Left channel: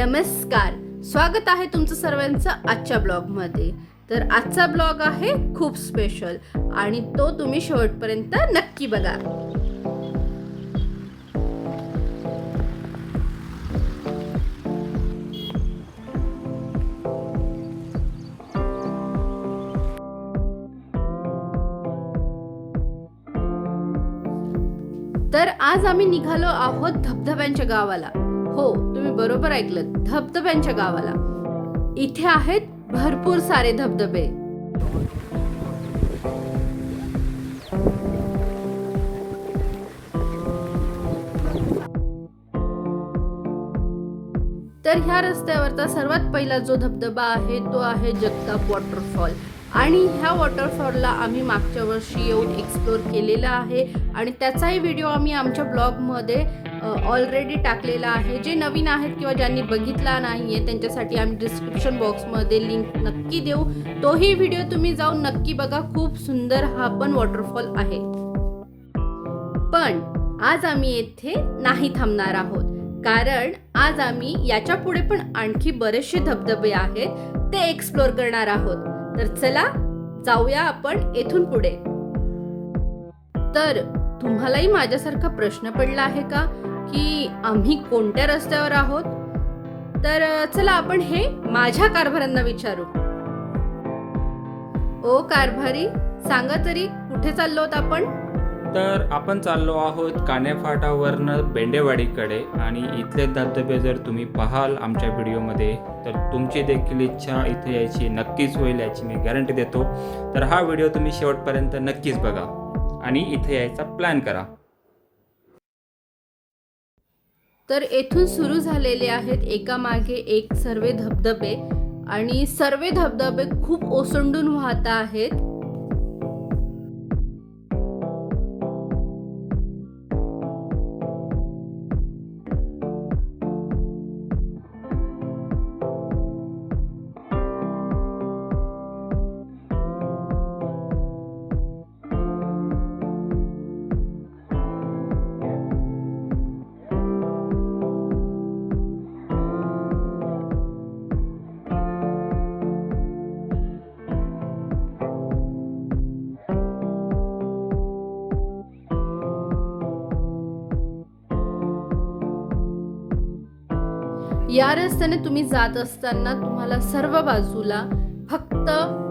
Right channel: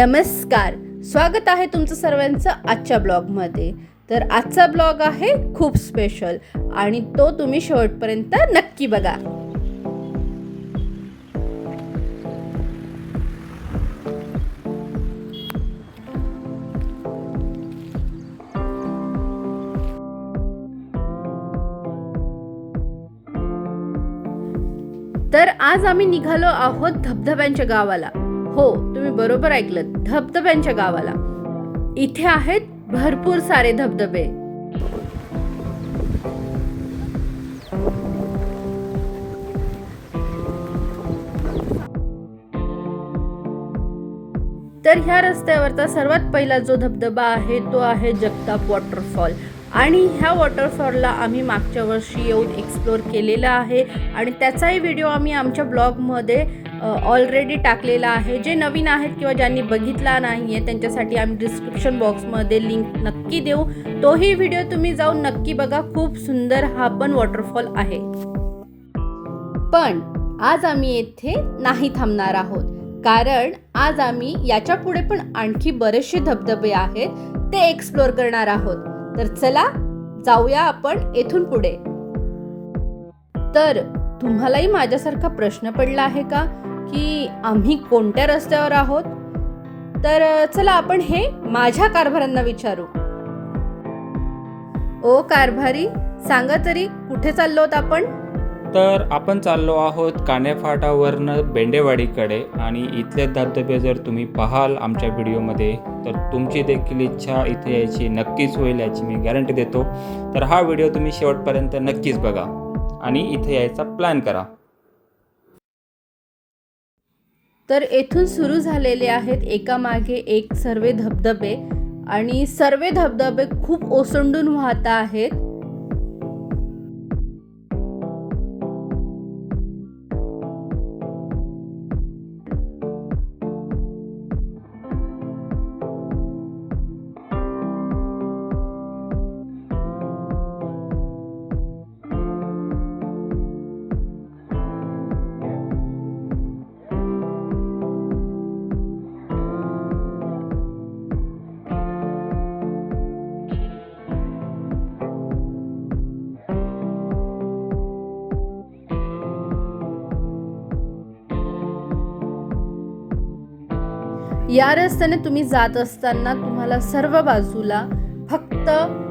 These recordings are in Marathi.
नमस्कार. स्वागत आहे तुमचं सर्वांचं आजच्या ब्लॉगमध्ये. तर आजचा ब्लॉग आहे खूप स्पेशल आणि तो तुम्ही शेवटपर्यंत नक्की बघा. तर आज आम्ही निघालो आहोत धबधब्यांच्या गावाला. हो तुम्ही बरोबर ऐकलं धबधब्यांच्या गावाला. इथे आहेत भरपूर सारे धबधबे. तर ह्या रस्त्यावरचा सर्वात पहिला जो धबधबा आहे तो आहे जगताप वॉटरफॉल. आणि ह्या वॉटरफॉलला आम्ही मागच्या वर्षी येऊन एक्सप्लोर केलेला आहे. आणि त्याचाही व्हिडिओ आम्ही आमच्या ब्लॉगमध्ये ऑलरेडी टाकलेला आहे. जे नवीन आहेत किंवा ज्यांनी बघितला नाही आहे त्यांच्यासाठी आम्ही डिस्क्रिप्शन बॉक्समध्ये लिंक नक्की देऊ. तोही व्हिडिओ तुम्ही जाऊन नक्की बघा. खूप सुंदर हा पण वॉटरफॉल आहे. पण आज आम्ही येथे नाही थांबणार आहोत. कारण आज आम्ही याच्यापुढे पण आणखी बरेचसे धबधबे आहेत ते एक्सप्लोर करणार आहोत. तर चला जाऊया आपण येथून पुढे. तर तुम्हालाही माझ्यासारखा प्रश्न पडला आहे का? की आम्ही कोणत्या रस्त्यावर आहोत? तर चला आपण हे माझ्या कारभारांना विचारू. ओ कारभारी सांगा तरी कुठे चाललो आहोत आपण? तर आपण चाललो आहोत कानेफाटावरनं बेंडेवाडीकडे आणि इथले धबधबे जर तुम्ही पाहाल आमच्या व्हिडिओमध्ये तर तुमची देखील इच्छा इथे यायची नक्कीच होईल याची मी गॅरंटी देतो. तर हा व्हिडिओ तुम्ही शेवटपर्यंत नक्कीच बघा आणि इथे यायचा प्लॅन करा. तर येथून सुरू झालेले आहेत एकामागे एक सर्व धबधबे. आणि सर्व धबधबे खूप ओसंडून वाहत आहेत. या रस्त्याने तुम्ही जात असताना तुम्हाला सर्व बाजूला फक्त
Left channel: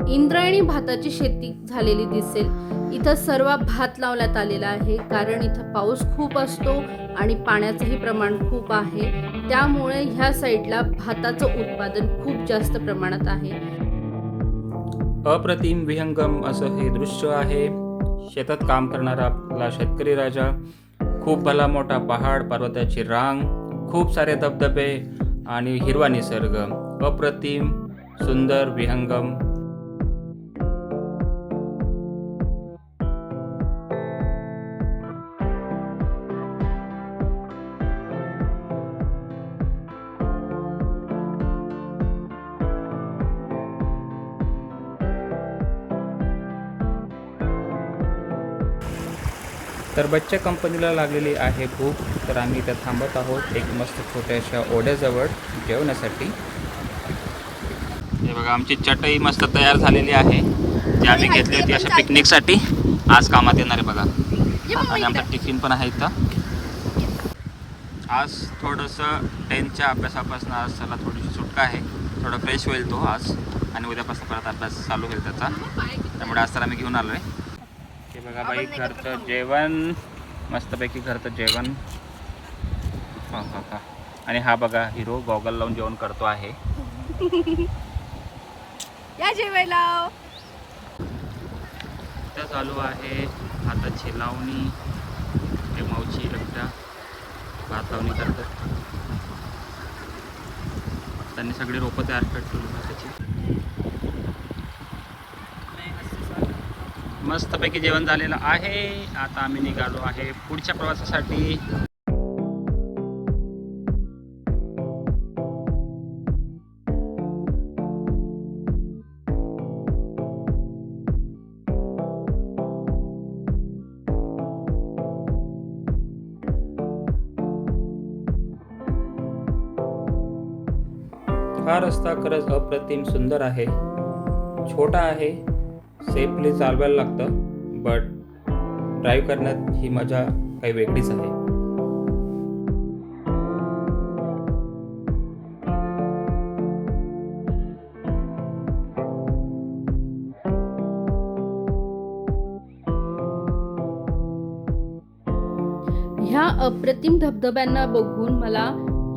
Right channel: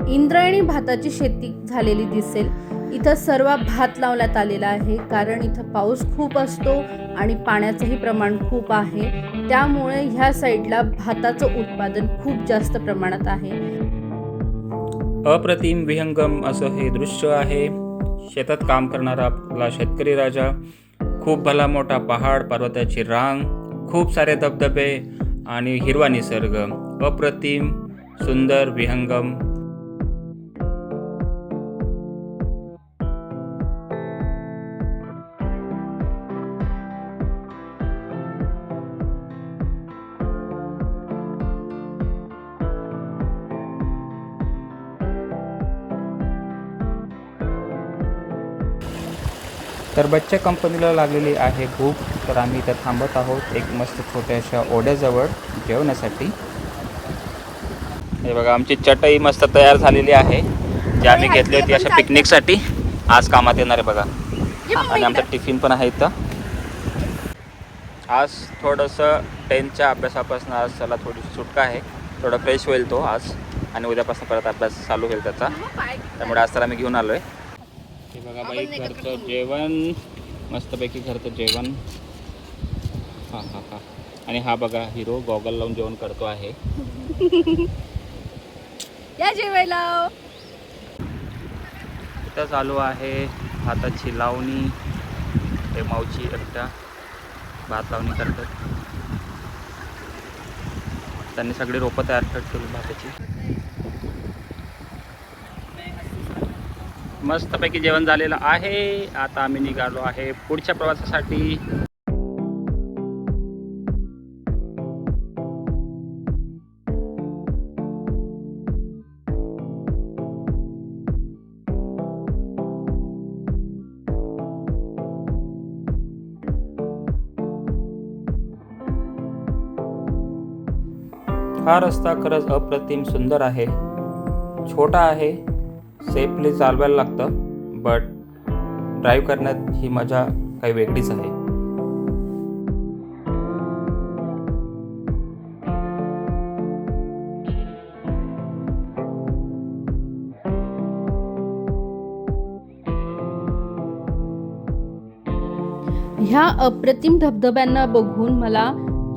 इंद्रायणी भाताची शेती झालेली दिसेल. इथं सर्व भात लावण्यात आलेला आहे. कारण इथं पाऊस खूप असतो आणि पाण्याचंही प्रमाण खूप आहे. त्यामुळे ह्या साईडला भाताचं उत्पादन खूप जास्त प्रमाणात आहे. अप्रतिम विहंगम असं हे दृश्य आहे. शेतात काम करणारा आपला शेतकरी राजा. खूप भला मोठा पहाड पर्वताची रांग खूप सारे धबधबे आणि हिरवा निसर्ग अप्रतिम सुंदर विहंगम तर बच्च्या कंपनीला लागलेली आहे भूक तर आम्ही इथं थांबत आहोत. एक मस्त छोट्याशा ओढ्याजवळ जेवण्यासाठी हे बघा आमची चटई मस्त तयार झालेली आहे. जी आम्ही घेतली होती अशा पिकनिकसाठी. आज कामात येणार आहे बघा. आणि आमचा टिफिन पण आहे इथं. आज थोडंसं टेनच्या अभ्यासापासून आज त्याला थोडीशी सुटका आहे. थोडं फ्रेश होईल तो आज. आणि उद्यापासून परत अभ्यास चालू होईल त्याचा. त्यामुळे आज त्याला आम्ही घेऊन आलो आहे हे बघा बाई घरचं जेवण. मस्तपैकी घरचं जेवण. हा हा हा. आणि हा बघा हिरो गॉगल लावून जेवण करतो आहे. या जेवायला. इथं चालू आहे भाताची लावणी. हे मावची एकटा भात लावणी करतात. त्यांनी सगळी रोपं तयार करत भाताची. मस्तपैकी जेवण झालेलं आहे. आता आम्ही निघालो आहे पुढच्या प्रवासासाठी. हा रस्ता खरंच अप्रतिम सुंदर आहे. छोटा आहे सेफली चालवायला लागतं बट ड्राईव्ह करण्यात ही मजा काही वेगळीच आहे. ह्या अप्रतिम धबधब्यांना बघून मला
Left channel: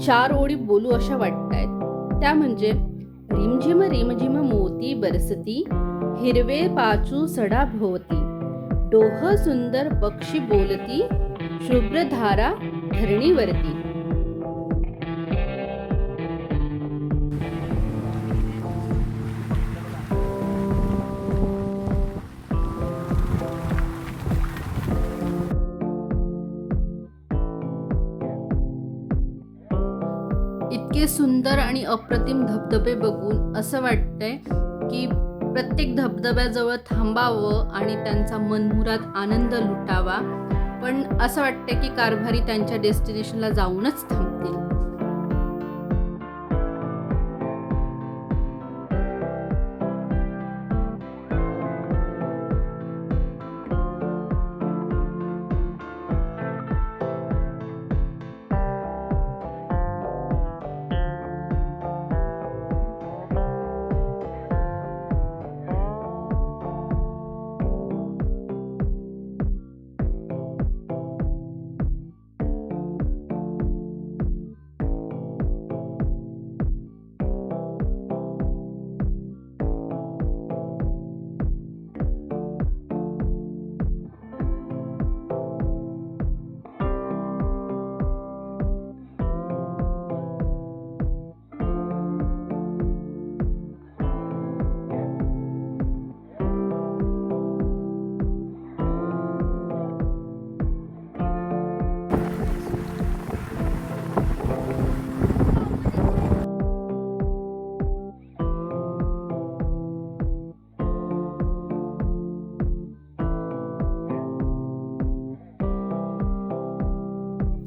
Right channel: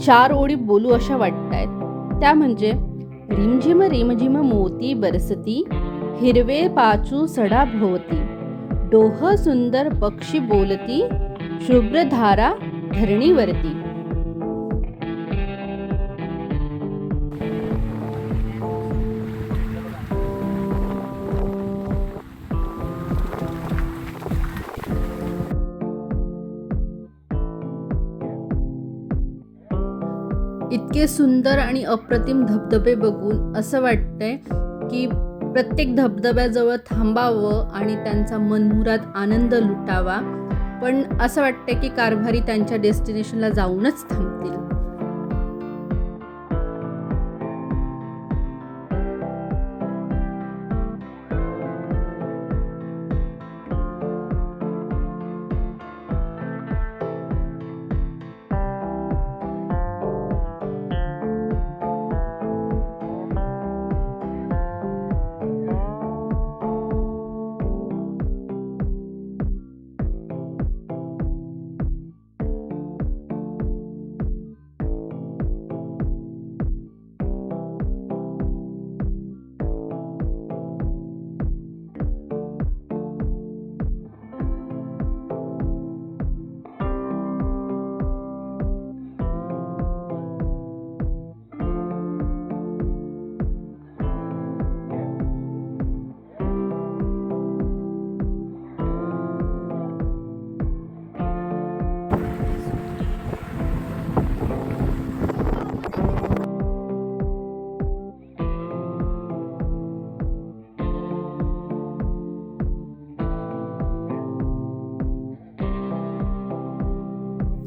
चार ओळी बोलू अशा वाटत आहेत त्या म्हणजे रिमझिम रिमझिम मोती बरसती हिरवे पाचू सडा भोवती. डोह सुंदर पक्षी बोलती शुभ्रधारा धरणीवरती. इतके सुंदर आणि अप्रतिम धबधबे बघून असं वाटतंय की प्रत्येक धबधब्याजवळ थांबावं आणि त्यांचा मनमुरात आनंद लुटावा. पण असं वाटतं की कारभारी त्यांच्या डेस्टिनेशनला जाऊनच थांब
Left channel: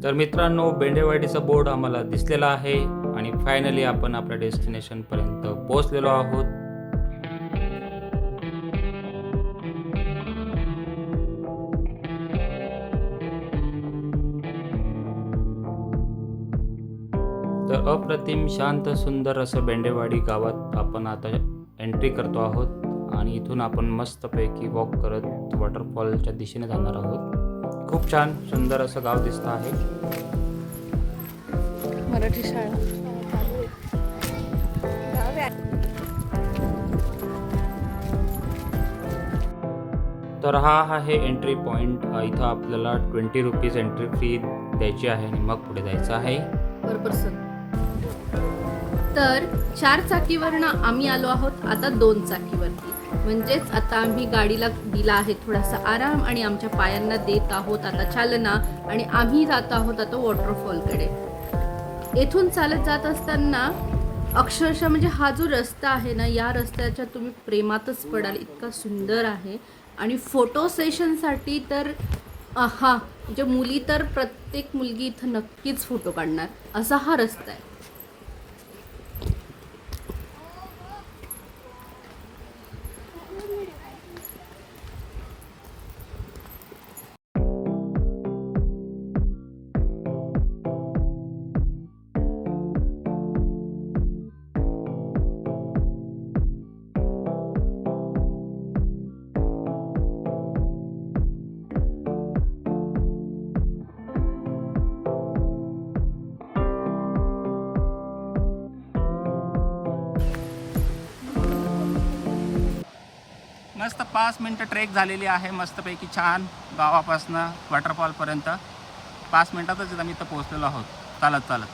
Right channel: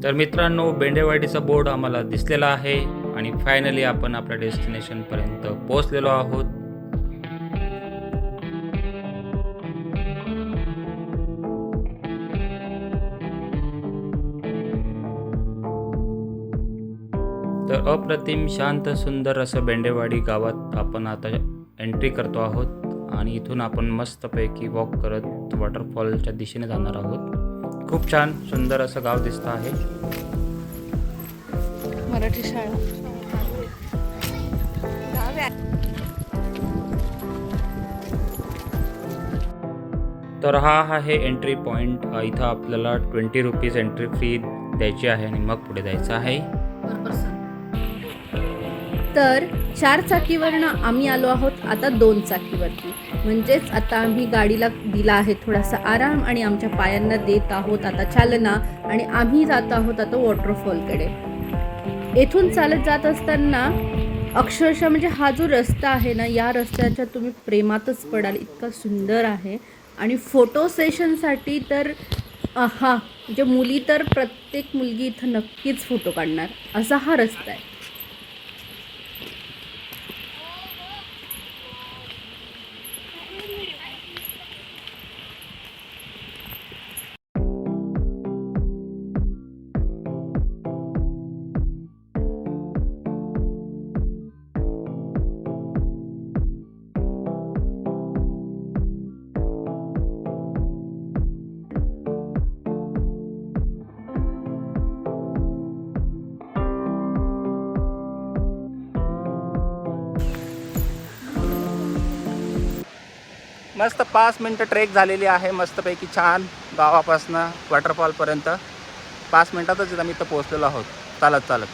तर मित्रांनो बेंडेवाडीचा बोर्ड आम्हाला दिसलेला आहे आणि फायनली आपण आपल्या डेस्टिनेशनपर्यंत पोहोचलेलो आहोत. तर अप्रतिम शांत सुंदर असं बेंडेवाडी गावात आपण आता एंट्री करतो आहोत आणि इथून आपण मस्तपैकी वॉक करत वॉटरफॉलच्या दिशेने जाणार आहोत. खूप छान सुंदर असं गाव दिसतं आहे. मराठी शाळा. तर हा आहे एंट्री पॉईंट इथं आपल्याला ट्वेंटी रुपीज एंट्री फी द्यायची आहे आणि मग पुढे जायचं आहे. तर चार चाकीवरनं आम्ही आलो आहोत आता दोन चाकीवरती. म्हणजेच आता आम्ही गाडीला दिला आहे थोडासा आराम आणि आमच्या पायांना देत आहोत आता चालना आणि आम्ही जात आहोत आता वॉटरफॉलकडे. येथून चालत जात असताना अक्षरशः म्हणजे हा जो रस्ता आहे ना या रस्त्याच्या तुम्ही प्रेमातच पडाल. इतका सुंदर आहे. आणि फोटो सेशनसाठी तर हा म्हणजे मुली तर प्रत्येक मुलगी इथं नक्कीच फोटो काढणार. असा हा रस्ता आहे. मस्त पाच मिनटं ट्रेक झालेली आहे. मस्तपैकी छान गावापासनं वॉटरफॉलपर्यंत पाच मिनटातच आम्ही इथं पोहोचलेलो आहोत. चालत चालत.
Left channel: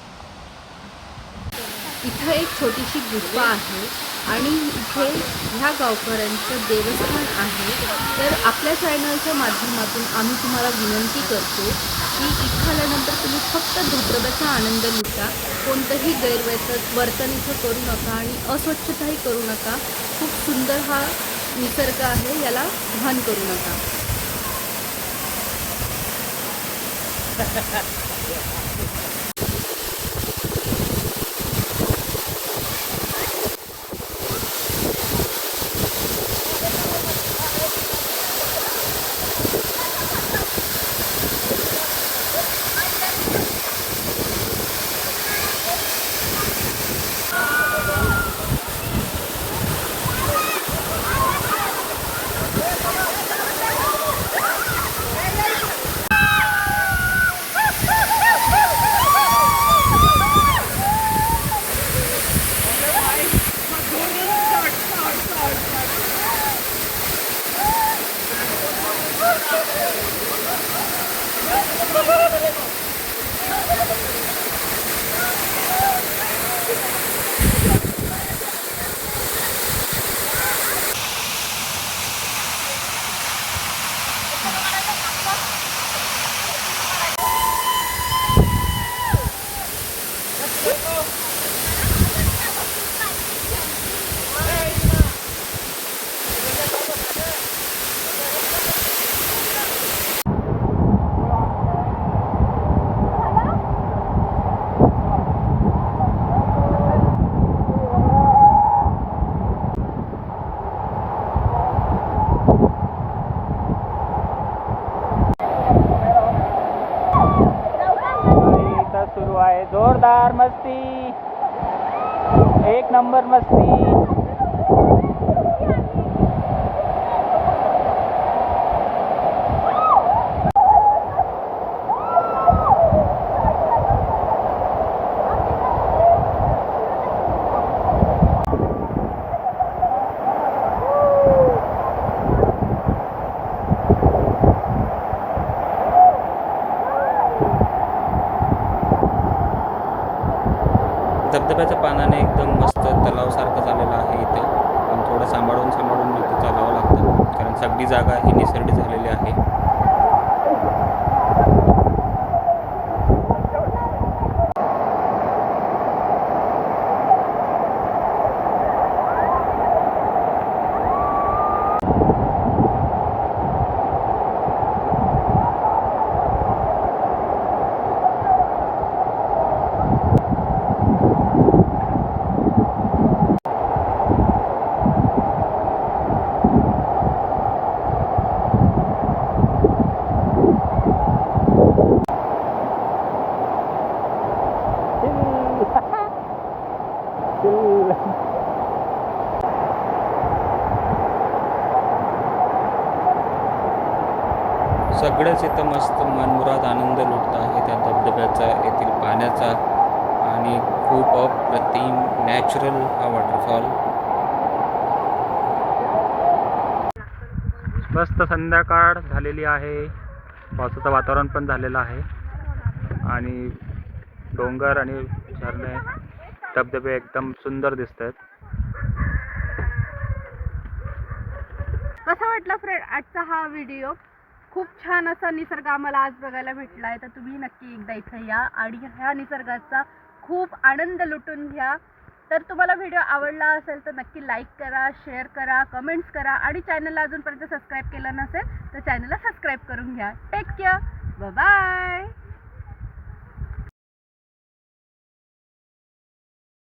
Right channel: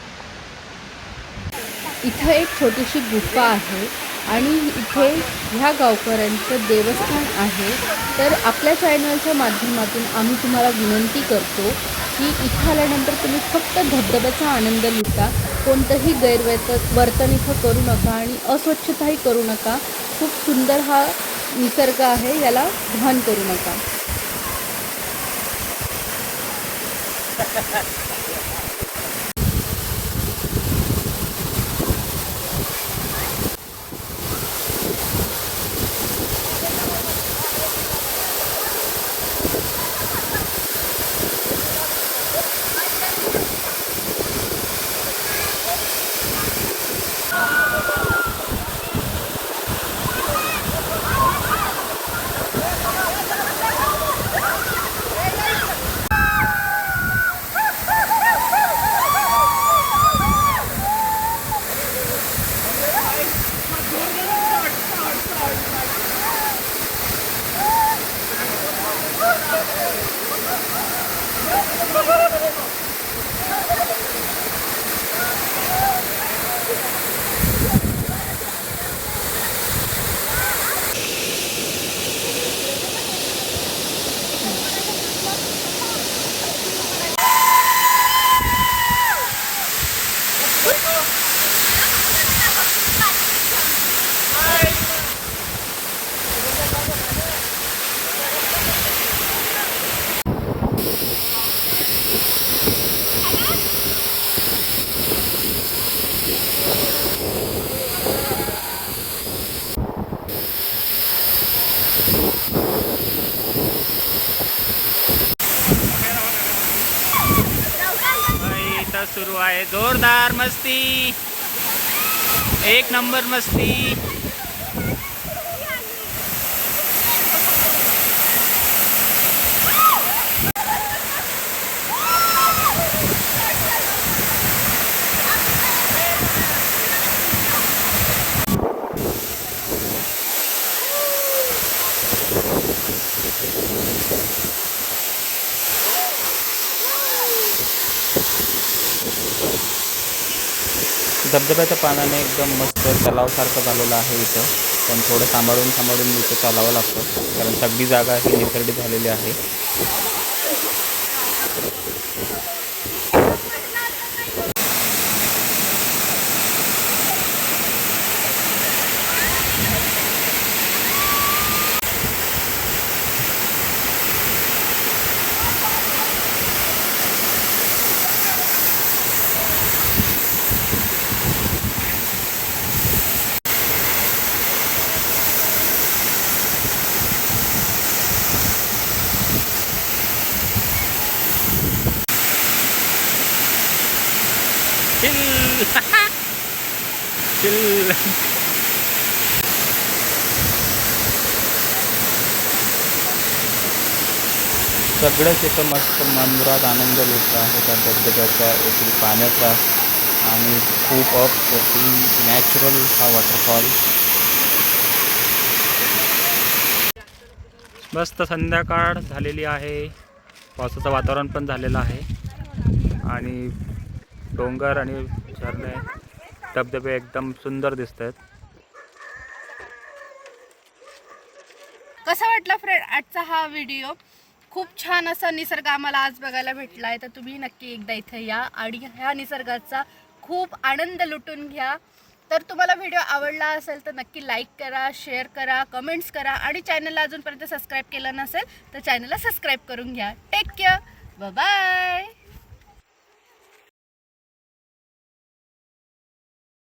इथं एक छोटीशी गुफा आहे आणि इथे ह्या गावकऱ्यांचं देवस्थान आहे. तर आपल्या चॅनलच्या माध्यमातून आम्ही तुम्हाला विनंती करतो की इथं आल्यानंतर तुम्ही फक्त धबधब्याचा आनंद लुटा कोणतंही गैरवर्त वर्तन इथं करू नका आणि अस्वच्छताही करू नका. खूप सुंदर हा निसर्ग आहे याला भान करू नका. नंबर मस्ती. एक नंबर मस्ती. धबधब्याच्या पानाने एकदम मस्त तलावसारखं झालेलं आहे इथं. पण थोडं सांभाळून सांभाळून इथं चालावं लागतं. कारण सगळी जागा ही निसरडी झालेली आहे चिल चिल सगळंच इथं मस्त मनमुराद आनंद लुटत आहे. त्या धबधब्याचा येथील पाण्याचा आणि खूप ऑफ द सीन नॅचरल हा वॉटरफॉल मस्त संध्याकाळ झालेली आहे. पावसाचं वातावरण पण झालेलं आहे. आणि डोंगर आणि झरणे धबधबे एकदम सुंदर दिसत आहेत कसा वाटला फ्रेंड आजचा हा व्हिडिओ खूप छान असा निसर्ग आम्हाला आज बघायला भेटला आहे तर तुम्ही नक्की एकदा इथे या आणि ह्या निसर्गाचा खूप आनंद लुटून घ्या. तर तुम्हाला व्हिडिओ आवडला असेल तर नक्की लाईक करा शेअर करा कमेंट्स करा आणि चॅनलला अजूनपर्यंत सबस्क्राईब केलं नसेल तर चॅनलला सबस्क्राईब करून घ्या. Take care bye